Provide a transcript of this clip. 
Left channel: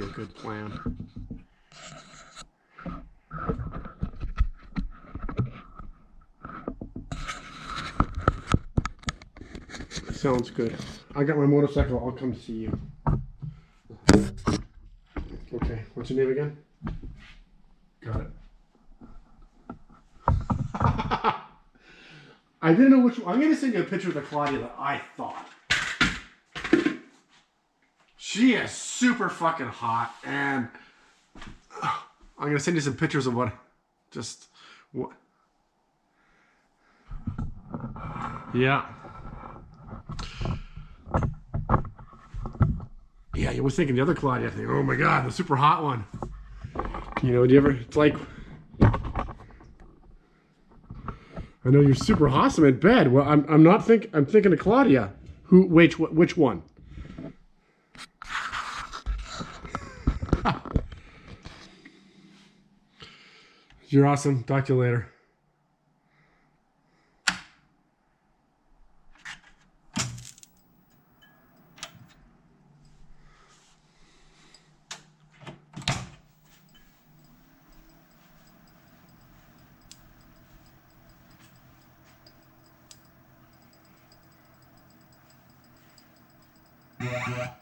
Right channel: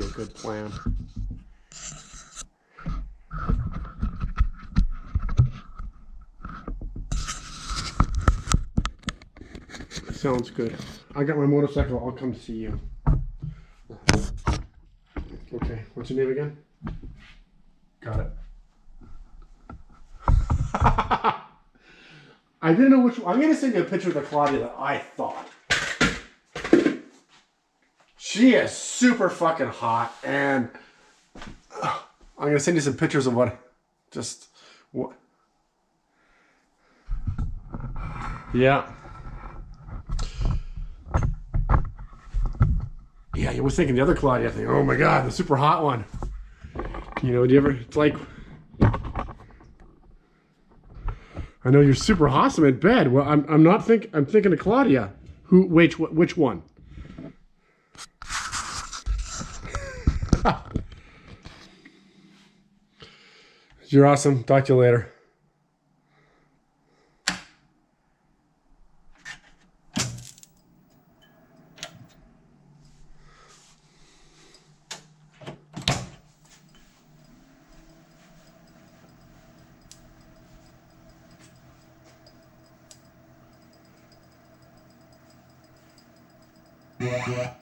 be a good plan. Sounds good. I got my motorcycle. I'll come see you. Okay. What's your name again? Got it. I didn't know which one. I'm going to send you a picture of the Claudia that I thought. She is super fucking hot. And I'm going to send you some pictures of what. Just what. Yeah. Yeah, you was thinking the other Claudia thing. Oh my God, the super hot one. You know, do you ever, it's like, I know you're super awesome in bed. Well, I'm thinking of Claudia. Who, which one? You're awesome. Talk to you later. Yeah.